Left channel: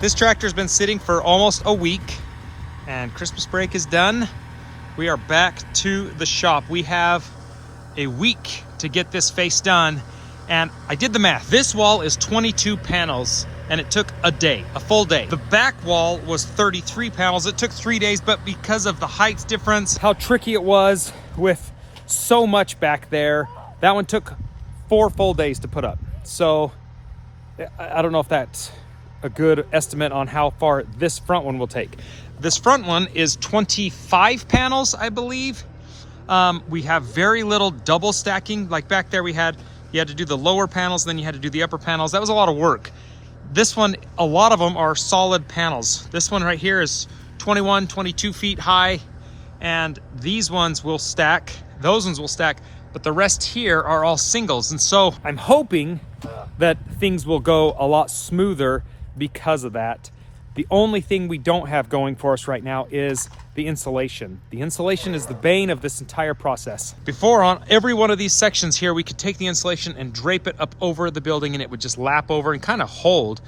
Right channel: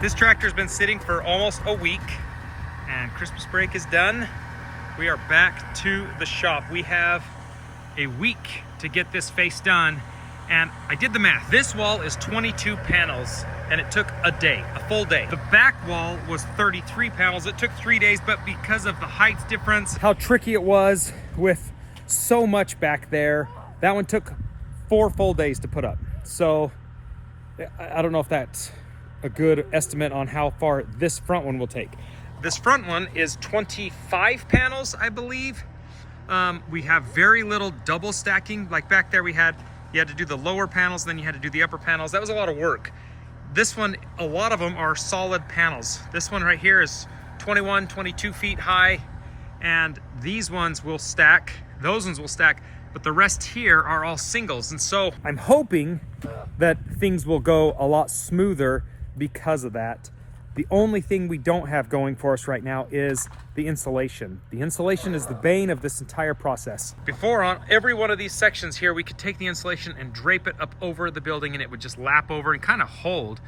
This tractor's been sitting for almost a week and Christmas break is done. We are back to the shop. We have a week to get this face done, and I did the math. This wall is 22 panels and it took a day, a full day. The back wall was 33 panels. It took 3 days, but because of the height difference, how tricky it was with so much back there, that one took 4 full days to put up. So I don't know if that's a good estimate on how far this front one will take. This front one is 25 panels, I believe. We have very little double stacking. Like back there you had to do the lower panels, then you had to do the upper panels. That was a lot of work. This one, a lot of them are solid panels. This one right here is 21, 22 feet high, and these ones will stack, those ones will stack, but the rest here are all singles. And so I'm hoping that things will go a lot smoother because of that. The only thing we don't have going for us right now is the insulation. The insulation is the bane of this entire process. Before, on every one of these sections here, we could take the insulation and drape it up over the building and it would just lap over and kind of hold.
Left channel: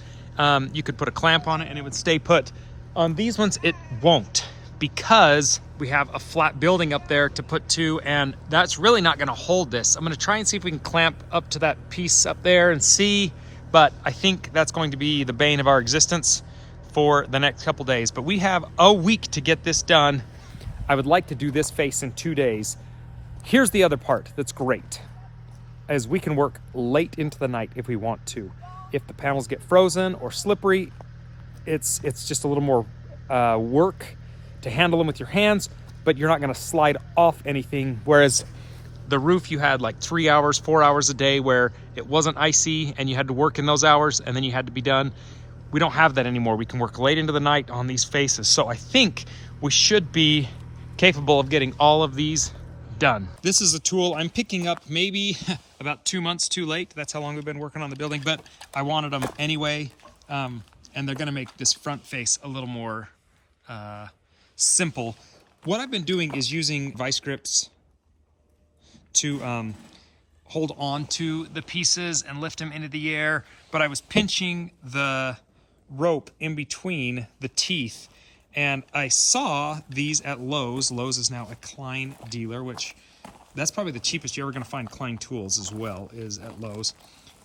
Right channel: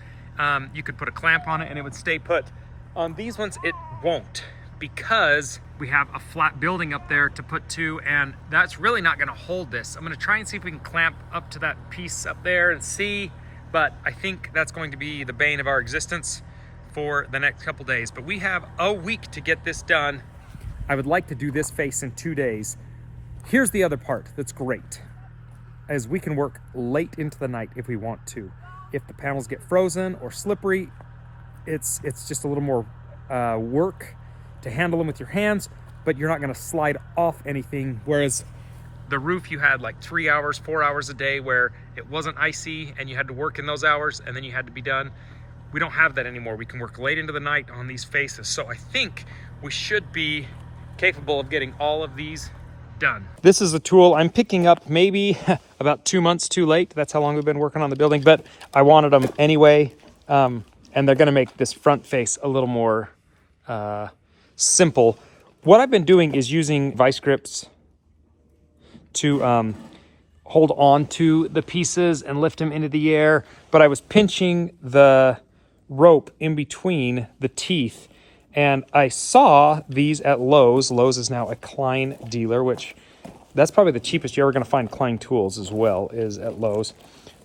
You could put a clamp on it and it would stay put. On these ones, it won't, because we have a flat building up there to put to, and that's really not gonna hold this. I'm gonna try and see if we can clamp up to that piece up there and see, but I think that's going to be the bane of our existence for the next couple days. But we have a week to get this done. I would like to do this face in 2 days. Here's the other part that's great, is we can work late into the night if we want to. If the panels get frozen or slippery, it's just a little more work to handle them with your hands, but you're not gonna slide off anything. Whereas the roof, you had like 3 hours, 4 hours a day where it wasn't icy and you had to work in those hours and then you had to be done. We don't have that anymore. We can work late into the night on these faces. So I think we should be capable of getting all of these done. This is a tool I'm picking up maybe about 2 months too late. That's how long we've been working on the building, but I wanted them anyway. And they're gonna make this front face a little more simple. What I've been doing is using vice grips to hold on to the pieces and lift them into the air, but I was pinching the rope in between the teeth, and I saw these at Lowe's. Lowe's is now a Klein dealer, which that's probably the cheapest you're ever going to find Klein tools as well, is at Lowe's.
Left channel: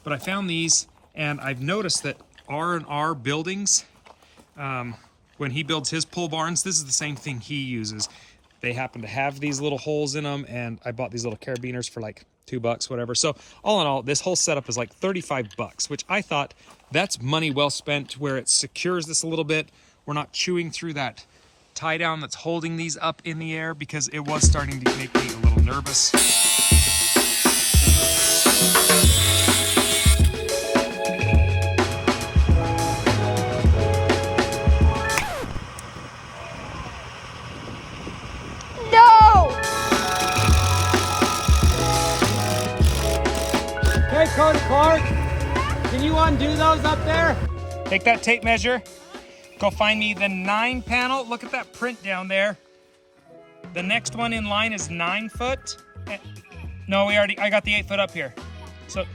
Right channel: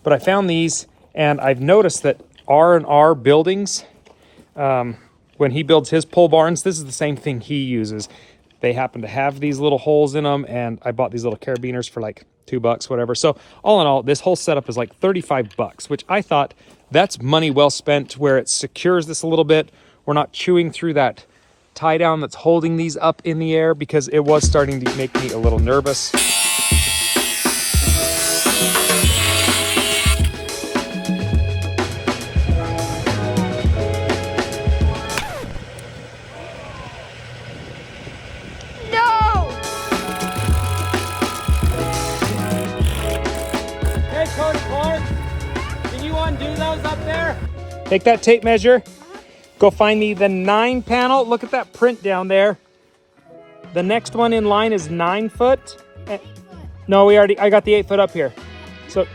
But I found these, and I've noticed that R&R buildings, when he builds his pole barns, this is the same thing he uses. They happen to have these little holes in them, and I bought these little carabiners for like $2, whatever. So all in all, this whole setup is like $35, which I thought that's money well spent, where it secures this a little bit. We're not chewing through that tie down that's holding these up in the air, because it was starting to make me a little nervous. Clark, can you undo those up there? Take that tape measure, go find me the 9 panel. Look at that print down there. The next one in line is 9 foot. No, I got the 8 foot up here. So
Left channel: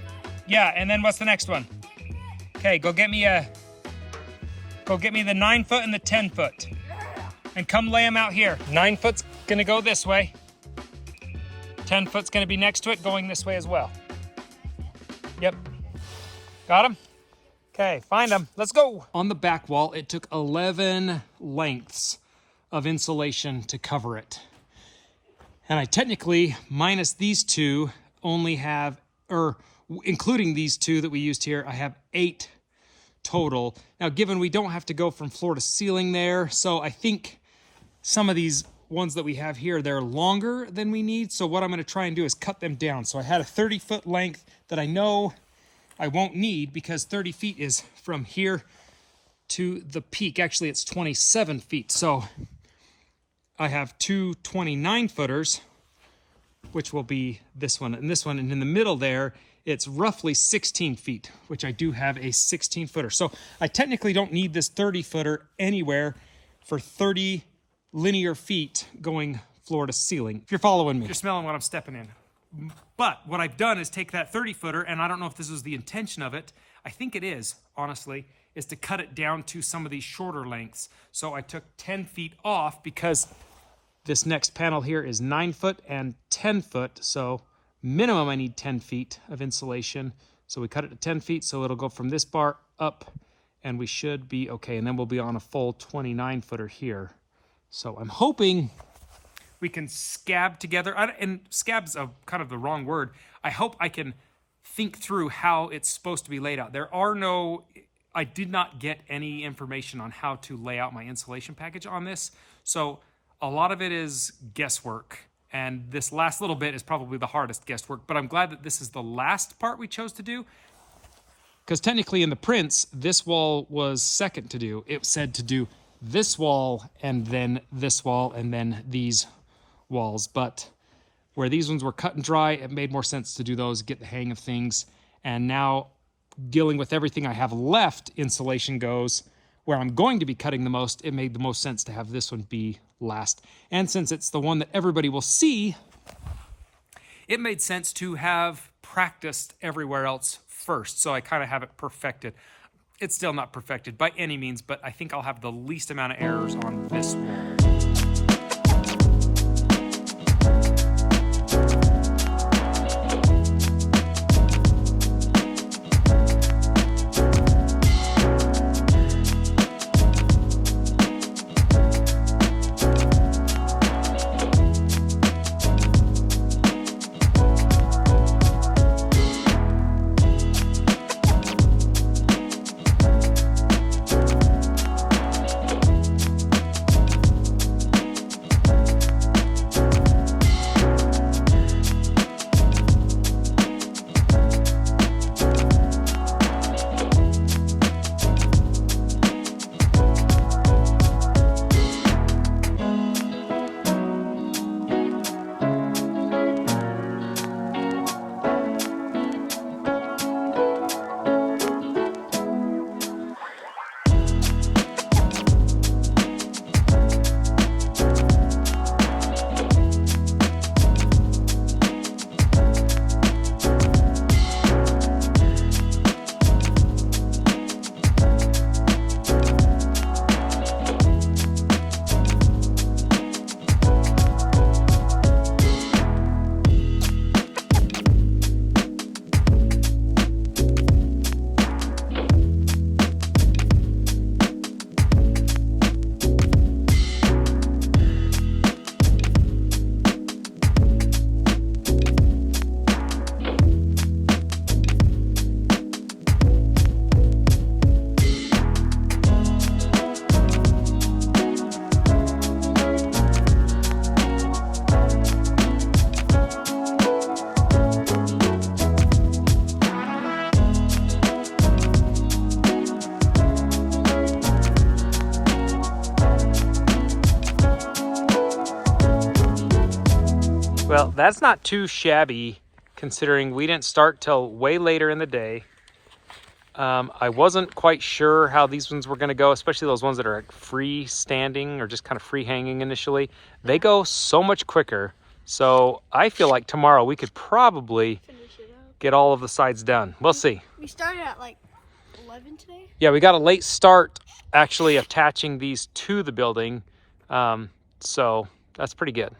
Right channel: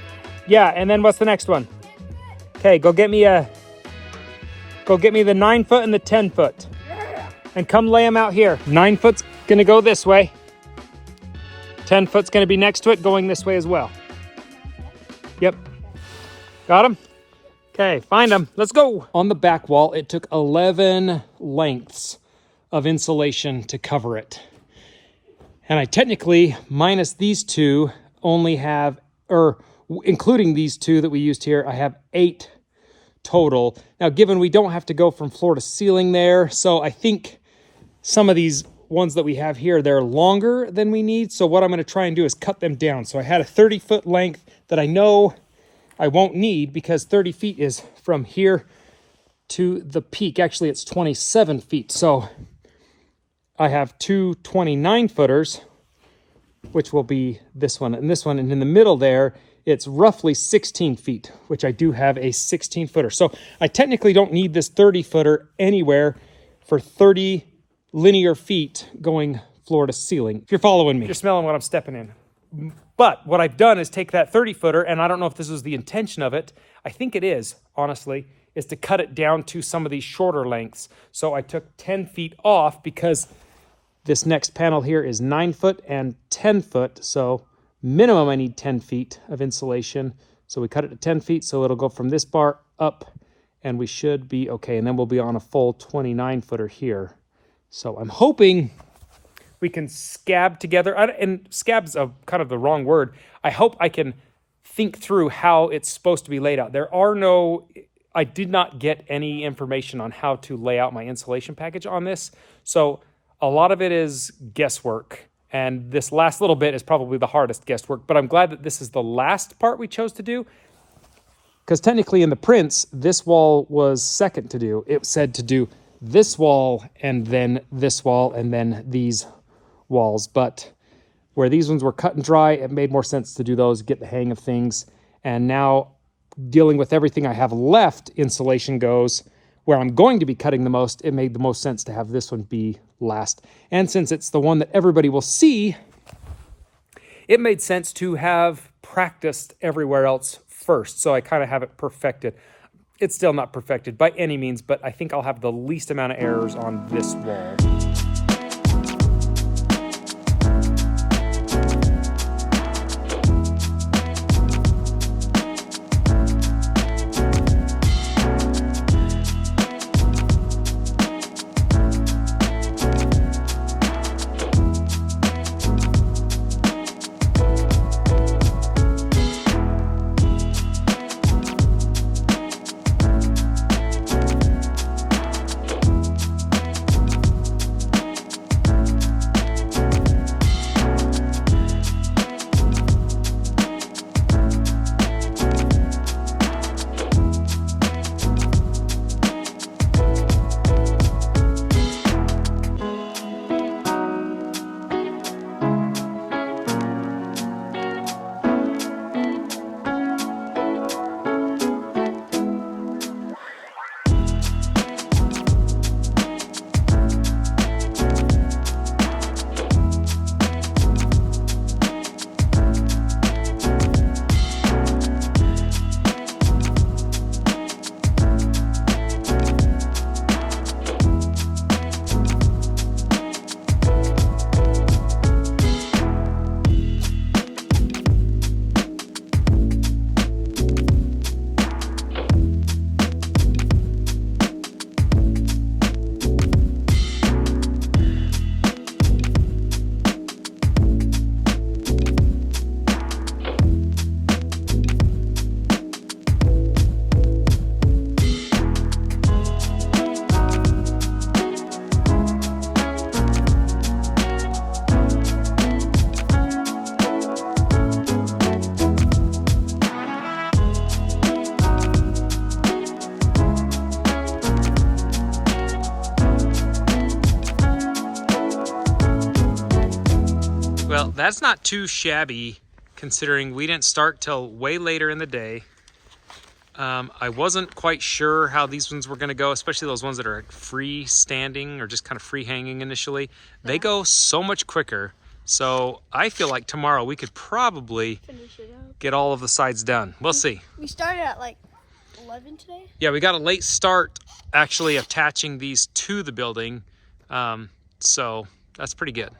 yeah, and then what's the next one? Okay, go get me the 9 foot and the 10 foot. And come lay them out here. 9 foot's gonna go this way. 10 foot's gonna be next to it, going this way as well. Yep. Got him? Okay, find him. Let's go. On the back wall, it took 11 lengths of insulation to cover it. And I technically, minus these two, only have, or including these two that we used here, I have 8 total. Now, given we don't have to go from floor to ceiling there, so I think some of these ones that we have here, they're longer than we need. So what I'm gonna try and do is cut them down. So I had a 30-foot length that I know I won't need, because 30 feet is from here to the peak. Actually, it's 27 feet. So I have 2 29-footers, which will be this one and this one. And in the middle there, it's roughly 16 feet, which I do have a 16-footer. So I technically don't need this 30-footer anywhere for 30 linear feet going floor to ceiling. If you're following me, you're smelling what I'm stepping in. But what I've done is take that 30-footer, and I don't know if this was the intention of it. I think it is, honestly, is to cut it down to some of these shorter lengths. So I took 10 feet off because this next panel here is 9 foot and 10 foot. So minimum I need 10 feet of insulation. So we cut it to 10 feet. So it'll go from this bar up and we should be okay. And then we'll be on a full 29 footer here. So I'm hoping we can scab together. And scab's kind of the wrong word. I hope I can think through how it's supposed to be laid out. I did not get any information on how to lay out my insulation package on this. So a lot of it is guesswork. And this last little bit is probably the hardest guesswork, but I'm glad that this is the last part we chose to do. Because technically in the prints, this wall was second to do. It said to do this wall and then this wall and then these walls. But where these ones were cut and dry, it made more sense to do those, get the hang of things. And now dealing with everything I have left, insulation goes, where I'm going to be cutting the most, it made the most sense to have this one be last. And since it's the one that everybody will see, it made sense to have practiced everywhere else first. So I kind of have it perfected. It's still not perfected by any means, but I think I'll have the least amount of errors on this wall. Well, that's not too shabby considering we didn't start till way later in the day. I wasn't quite sure how these ones were going to go, especially those ones that are freestanding or just kind of free hanging initially. They go so much quicker. So I feel like tomorrow we could probably get all of the sides done. We'll see. We started at like 11 today? Yeah, we got a late start actually attaching these to the building. So that's pretty good.